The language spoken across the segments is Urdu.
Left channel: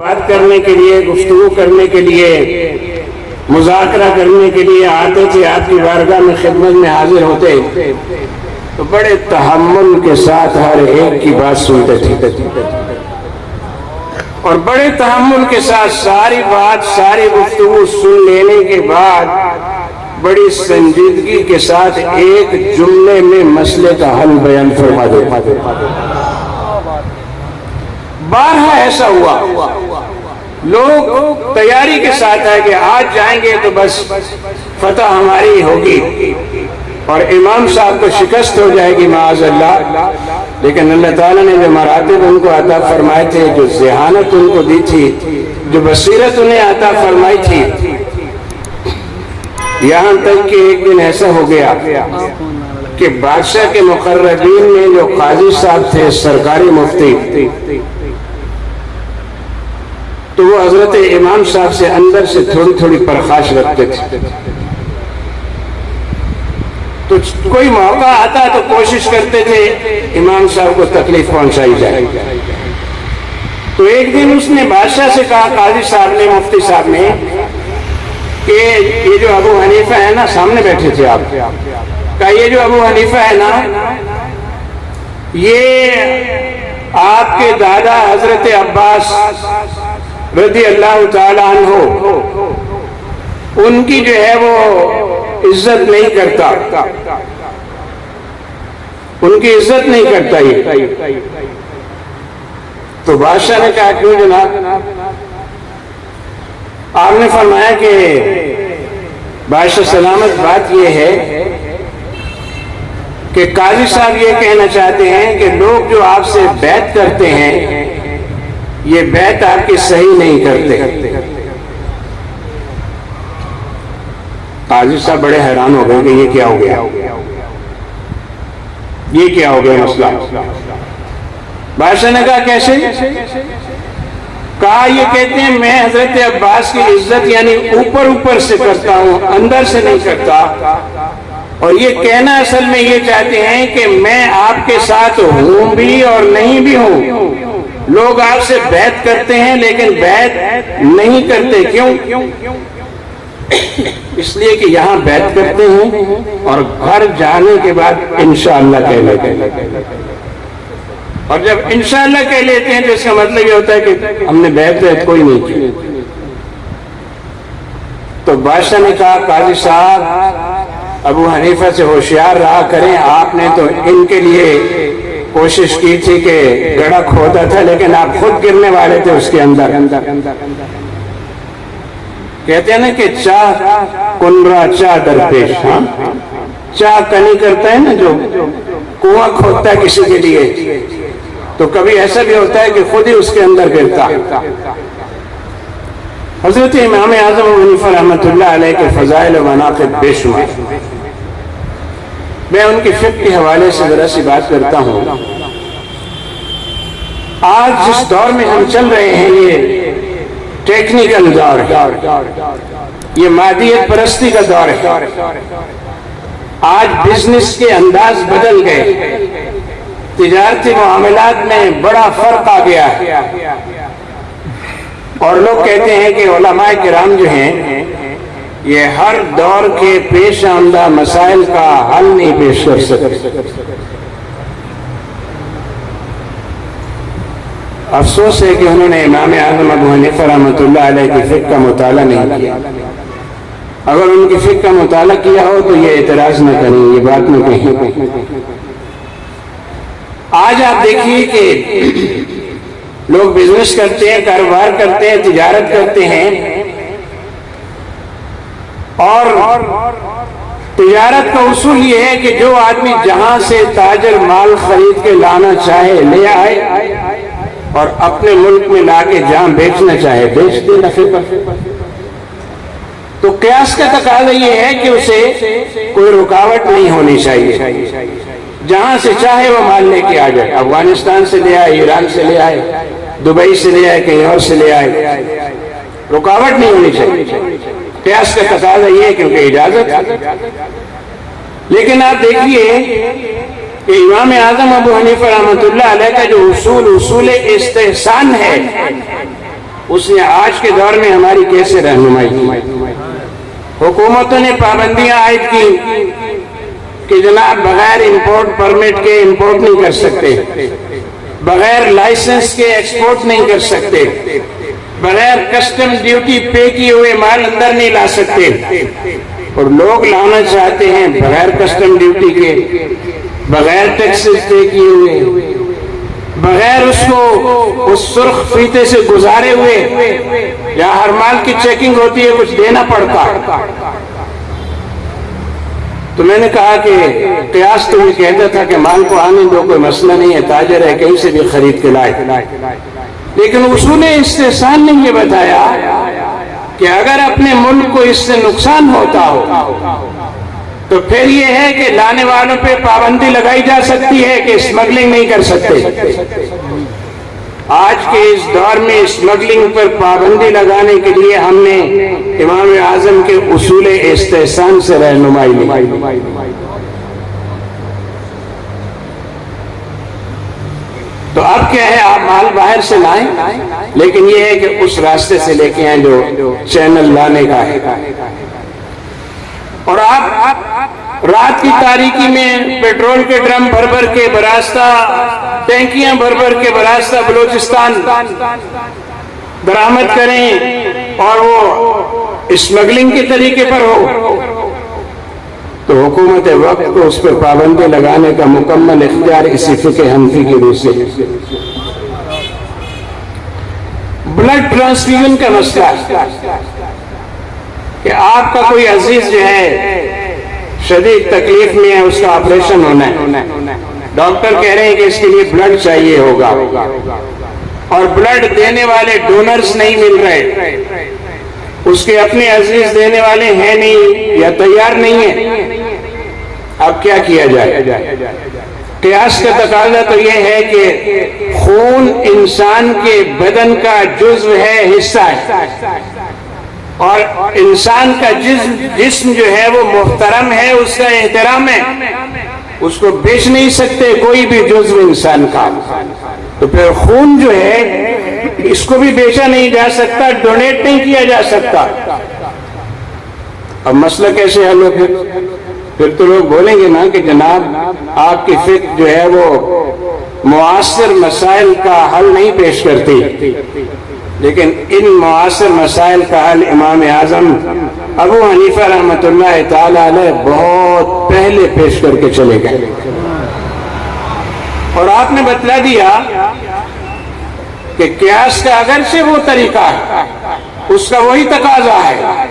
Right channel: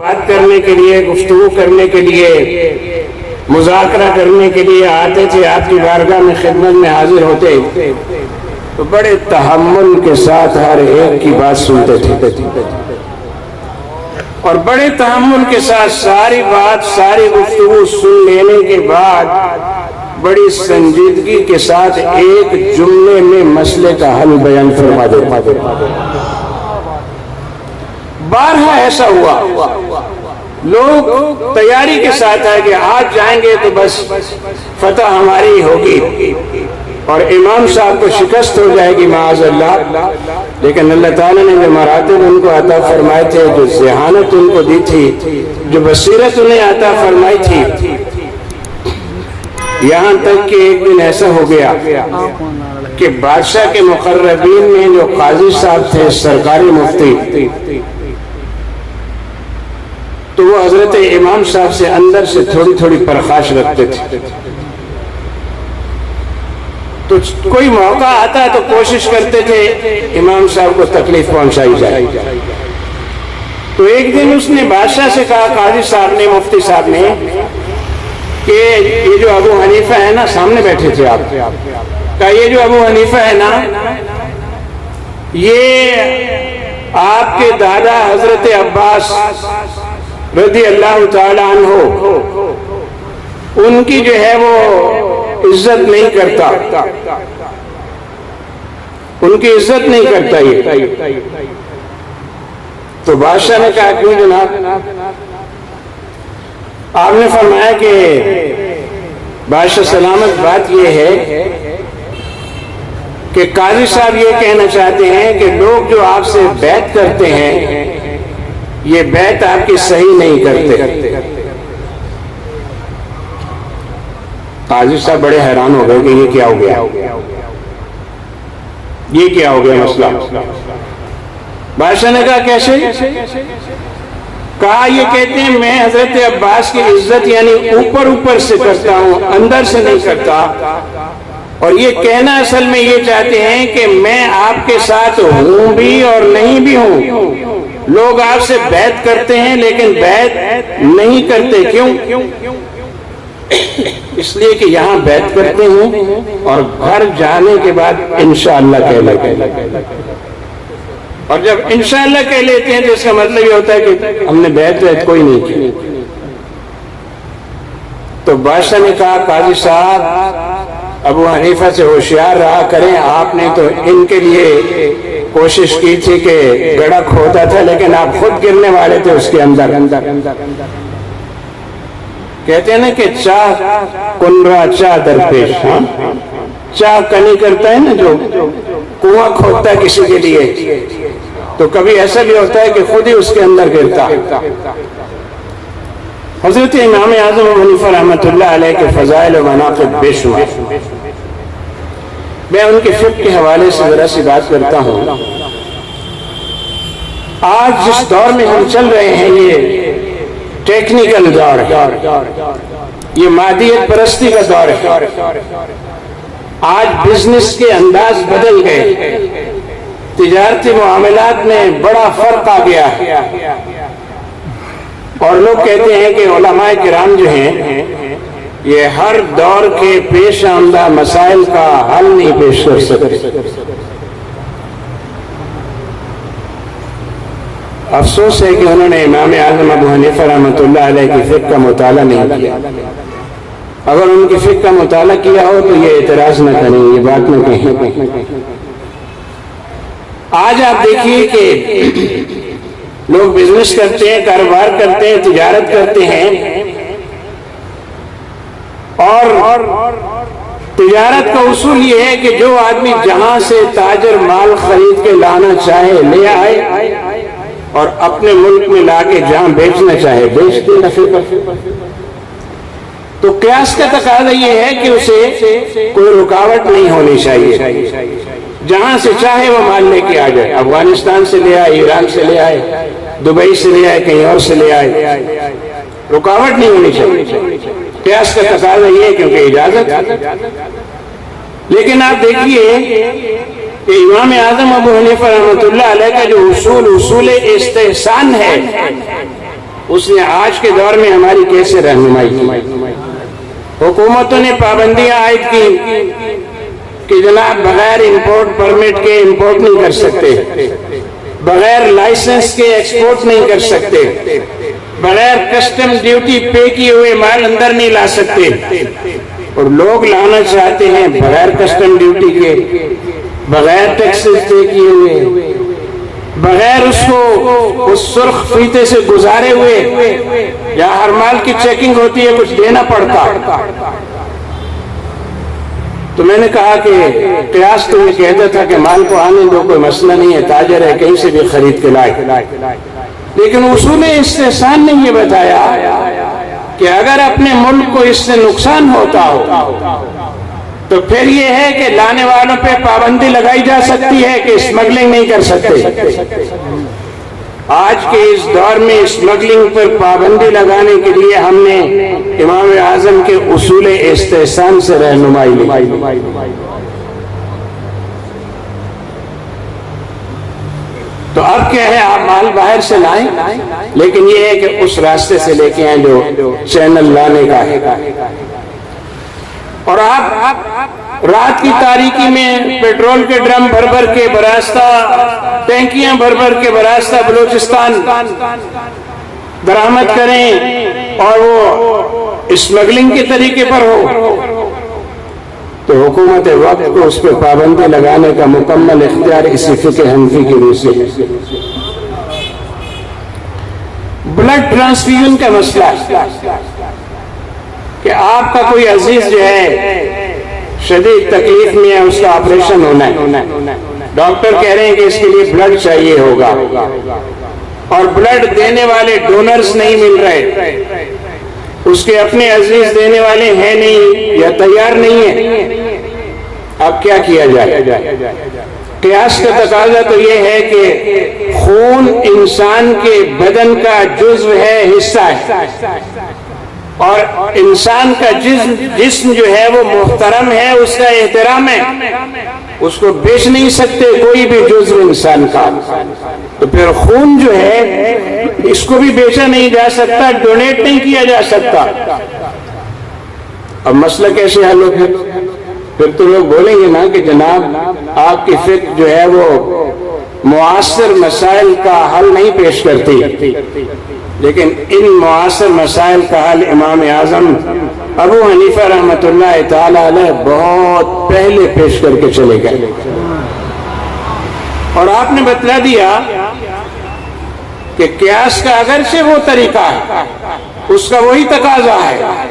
بات کرنے کے لیے، گفتگو کرنے کے لیے، مذاکرہ کرنے کے لیے آتے تھے، آپ کی بارگاہ میں خدمت میں حاضر ہوتے تو بڑے تحمل کے ساتھ ہر ایک کی بات سنتے تھے اور بڑے تحمل کے ساتھ ساری بات، ساری گفتگو سن لینے کے بعد بڑی سنجیدگی کے ساتھ ایک جملے میں مسئلے کا حل بیان فرما دیتے۔ بارہا ایسا ہوا، لوگ تیاری کے ساتھ آئے کہ آج جائیں گے تو بس فتح ہماری ہوگی اور امام صاحب کو شکست ہو جائے گی معاذ اللہ، لیکن اللہ تعالیٰ نے جو مراتب ان کو عطا فرمائے تھے، جو ذہانت ان کو دی تھی، جو بصیرت انہیں عطا فرمائی تھی، یہاں تک کہ ایک دن ایسا ہو گیا کہ بادشاہ کے مقربین میں جو قاضی صاحب تھے، سرکاری مفتی، تو وہ حضرت امام صاحب سے اندر سے تھوڑی تھوڑی پرخاش رکھتے تھے۔ تو کوئی موقع آتا تو کوشش کرتے تھے امام صاحب کو تکلیف پہنچائی جائے۔ تو ایک دن اس نے بادشاہ سے کہا، قاضی صاحب نے، مفتی صاحب نے، کہ یہ جو ابو حنیفہ ہے نا، سامنے بیٹھے تھے آپ، کہا یہ جو ابو حنیفہ ہے نا، یہ آپ کے دادا حضرت عباس رضی اللہ تعالی عنہ، ان کی جو ہے وہ عزت نہیں کرتا، ان کی عزت نہیں کرتا یہ۔ تو بادشاہ نے کہا کیوں جناب؟ آپ نے فرمایا کہ بادشاہ سلامت، بات یہ ہے کہ قاضی صاحب یہ کہنا چاہتے ہیں کہ لوگ جو آپ سے بیعت کرتے ہیں، یہ بیعت آپ کی صحیح نہیں کرتے۔ قاضی صاحب بڑے حیران ہو گئے کہ یہ کیا ہو گیا، یہ کیا ہو گیا مسئلہ۔ بادشاہ نے کہا کیسے؟ کہا یہ کہتے ہیں میں حضرت عباس کی عزت یعنی اوپر اوپر سے کرتا ہوں، اندر سے نہیں کرتا، اور یہ کہنا اصل میں یہ چاہتے ہیں کہ میں آپ کے ساتھ ہوں بھی اور نہیں بھی ہوں۔ لوگ آپ سے بیعت کرتے ہیں لیکن بیعت نہیں کرتے، کیوں؟ اس لیے کہ یہاں بیعت کرتے ہیں اور گھر جانے کے بعد انشاءاللہ کہہ لیتے ہیں، اور جب انشاءاللہ کہہ لیتے ہیں تو اس کا مطلب یہ ہوتا ہے کہ ہم نے بیعت کوئی نہیں کی۔ تو بادشاہ نے کہا قاضی صاحب ابو حنیفہ سے ہوشیار رہا کریں، آپ نے تو ان کے لیے کوشش کی تھی کہ گڑھا کھودا تھا لیکن آپ خود گرنے والے تھے اس کے اندر۔ کہتے ہیں نا کہ چاہ کنرا چاہ درپیش، چاہ کنی کرتا ہے نا جو کنواں کھودتا ہے کسی کے لیے، تو کبھی ایسا بھی ہوتا ہے کہ خود ہی اس کے اندر گرتا۔ حضرت امام اعظم ابو حنیفہ رحمۃ اللہ علیہ کے فضائل و مناقب بے شمار، میں ان کے فقہ کے حوالے سے ذرا سی بات کرتا ہوں۔ آج جس دور میں ہم چل رہے ہیں، یہ ٹیکنیکل دور، یہ مادیت پرستی کا دور ہے۔ آج بزنس کے انداز بدل گئے، تجارتی معاملات میں بڑا فرق آ گیا ہے، اور لوگ کہتے ہیں کہ علماء کرام جو ہیں یہ ہر دور کے پیش آمدہ مسائل کا حل نہیں پیش کر سکتے۔ افسوس ہے کہ انہوں نے امام اعظم ابو حنیفہ رحمۃ اللہ علیہ کی فقہ کا مطالعہ نہیں کیا۔ اگر ان کی فقہ کا مطالعہ کیا ہو تو یہ اعتراض نہ کریں، یہ بات نہ کہیں۔ آج آپ دیکھیے کہ لوگ بزنس کرتے ہیں، کاروبار کرتے ہیں، تجارت کرتے ہیں، اور تجارت کا اصول یہ ہے کہ جو آدمی جہاں سے تاجر مال خرید کے لانا چاہے لے آئے، اور اپنے ملک میں لا کے جہاں بیچنا چاہے بیچ دے نفع پر۔ تو قیاس کا تقاضا یہ ہے کہ اسے کوئی رکاوٹ نہیں ہونی چاہیے، جہاں سے چاہے وہ مال لے کے آ جائے، افغانستان سے لے آئے، ایران سے لے آئے، دبئی سے لے آئے، کہیں اور سے لے آئے، رکاوٹ نہیں ہونی چاہیے۔ قیاس کا تقاضا یہ ہے کیونکہ اجازت ہے۔ لیکن آپ دیکھیے کہ امام اعظم ابو حنیفہ رحمۃ اللہ علیہ کا جو اصول استحسان ہے، اس نے آج کے دور میں ہماری کیسے رہنمائی کی؟ حکومتوں نے پابندیاں عائد کی کہ جناب بغیر امپورٹ پرمٹ کے امپورٹ نہیں کر سکتے، بغیر لائسنس کے ایکسپورٹ نہیں کر سکتے، بغیر کسٹم ڈیوٹی پے کیے ہوئے مال اندر نہیں لا سکتے، اور لوگ لانا چاہتے ہیں بغیر کسٹم ڈیوٹی کے، بغیر ٹیکسز پے کیے ہوئے، بغیر اس کو اس سرخ فیتے سے گزارے ہوئے، یا ہر مال کی چیکنگ ہوتی ہے کچھ دینا پڑتا۔ تو میں نے کہا کہ قیاس تو یہ کہتا تھا کہ مال کو آنے دو، کوئی مسئلہ نہیں ہے، تاجر ہے کہیں سے بھی خرید کے لائے، لیکن اصول استحسان نے یہ بتایا کہ اگر اپنے ملک کو اس سے نقصان ہوتا ہو تو پھر یہ ہے کہ لانے والوں پہ پابندی لگائی جا سکتی ہے کہ اسمگلنگ نہیں کر سکتے۔ آج کے اس دور میں اسمگلنگ پر پابندی لگانے کے لیے ہم نے امام اعظم کے اصول استحسان سے رہنمائی لی۔ تو اب کیا ہے، آپ مال باہر سے لائیں، لیکن یہ ہے کہ اس راستے سے لے کے آئیں جو چینل لانے کا ہے۔ اور آپ رات کی تاریکی میں پیٹرول کے ڈرم بھر بھر کے براستہ، ٹینکیاں بھر بھر کے براستہ بلوچستان درآمد کریں اور وہ اسمگلنگ کے طریقے پر ہو، تو حکومت وقت کو اس پہ پابندی لگانے کا مکمل اختیار اسی فقہ حنفی کی روح سے۔ بلڈ ٹرانسفیوژن کا مسئلہ کہ آپ کا کوئی عزیز جو ہے شدید تکلیف میں ہے، اس کا آپریشن ہونا ہے، ڈاکٹر کہہ رہے ہیں کہ اس کے لیے بلڈ چاہیے ہوگا، اور بلڈ دینے والے ڈونرز نہیں مل رہے، اس کے اپنے عزیز دینے والے ہیں نہیں یا تیار نہیں ہیں، اب کیا کیا جائے؟ قیاس کا تقاضا تو یہ ہے کہ خون انسان کے بدن کا جزو ہے، حصہ ہے، اور انسان کا جسم جو ہے وہ محترم ہے، اس کا احترام ہے، اس کو بیچ نہیں سکتے کوئی بھی جزو انسان کا۔ تو پھر خون جو ہے اس کو بھی بیچا نہیں جا سکتا، ڈونیٹ نہیں کیا جا سکتا۔ اب مسئلہ کیسے حل ہو؟ پھر تو لوگ بولیں گے نا کہ جناب آپ کی فقہ جو ہے وہ معاصر مسائل کا حل نہیں پیش کرتی، لیکن ان معاصر مسائل کا حل امام اعظم ابو حنیفہ رحمۃ اللہ تعالی علیہ بہت پہلے پیش کر کے چلے گئے، اور آپ نے بتلا دیا کہ قیاس کا اگرچہ وہ طریقہ ہے، اس کا وہی تقاضا ہے،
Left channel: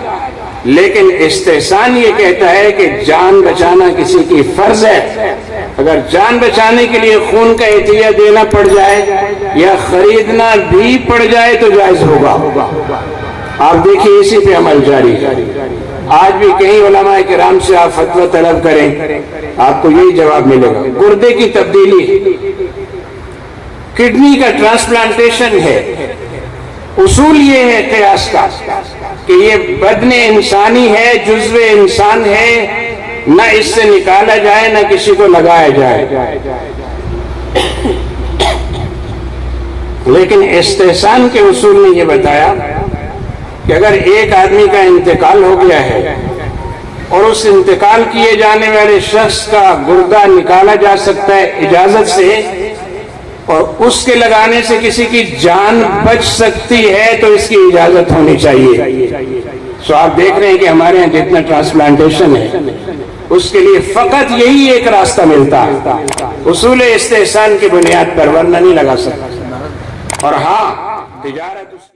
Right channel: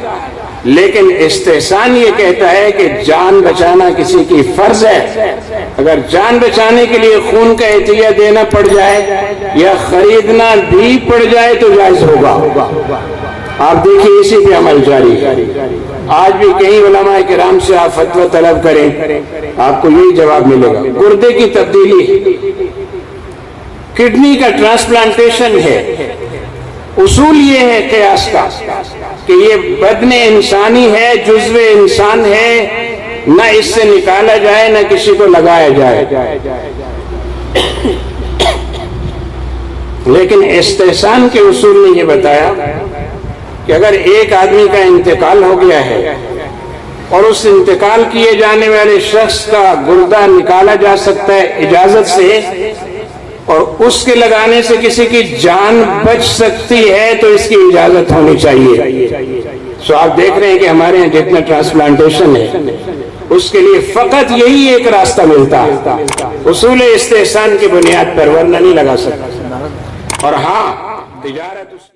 لیکن استحسان یہ کہتا ہے کہ جان بچانا کسی کی فرض ہے۔ اگر جان بچانے کے لیے خون کا عطیہ دینا پڑ جائے یا خریدنا بھی پڑ جائے تو جائز ہوگا۔ آپ دیکھیے اسی پہ عمل جاری ہے۔ آج بھی کئی علماء کرام سے آپ فتویٰ طلب کریں، آپ کو یہی جواب ملے گا۔ گردے کی تبدیلی، کڈنی کا ٹرانسپلانٹیشن ہے، اصول یہ ہے قیاس کا کہ یہ بدن انسانی ہے، جزو انسان ہے، نہ اس سے نکالا جائے نہ کسی کو لگایا جائے۔ لیکن استحسان کے اصول نے یہ بتایا کہ اگر ایک آدمی کا انتقال ہو گیا ہے اور اس انتقال کیے جانے والے شخص کا گردہ نکالا جا سکتا ہے اجازت سے، اور اس کے لگانے سے کسی کی جان بچ سکتی ہے تو اس کی اجازت ہونی چاہیے۔ سو آپ دیکھ رہے ہیں کہ ہمارے یہاں جتنا ٹرانسپلانٹیشن ہے اس کے لیے فقط یہی ایک راستہ ملتا ہے، اصول استحسان کی بنیاد پر، ورنہ نہیں لگا سکتا۔ اور ہاں تجارت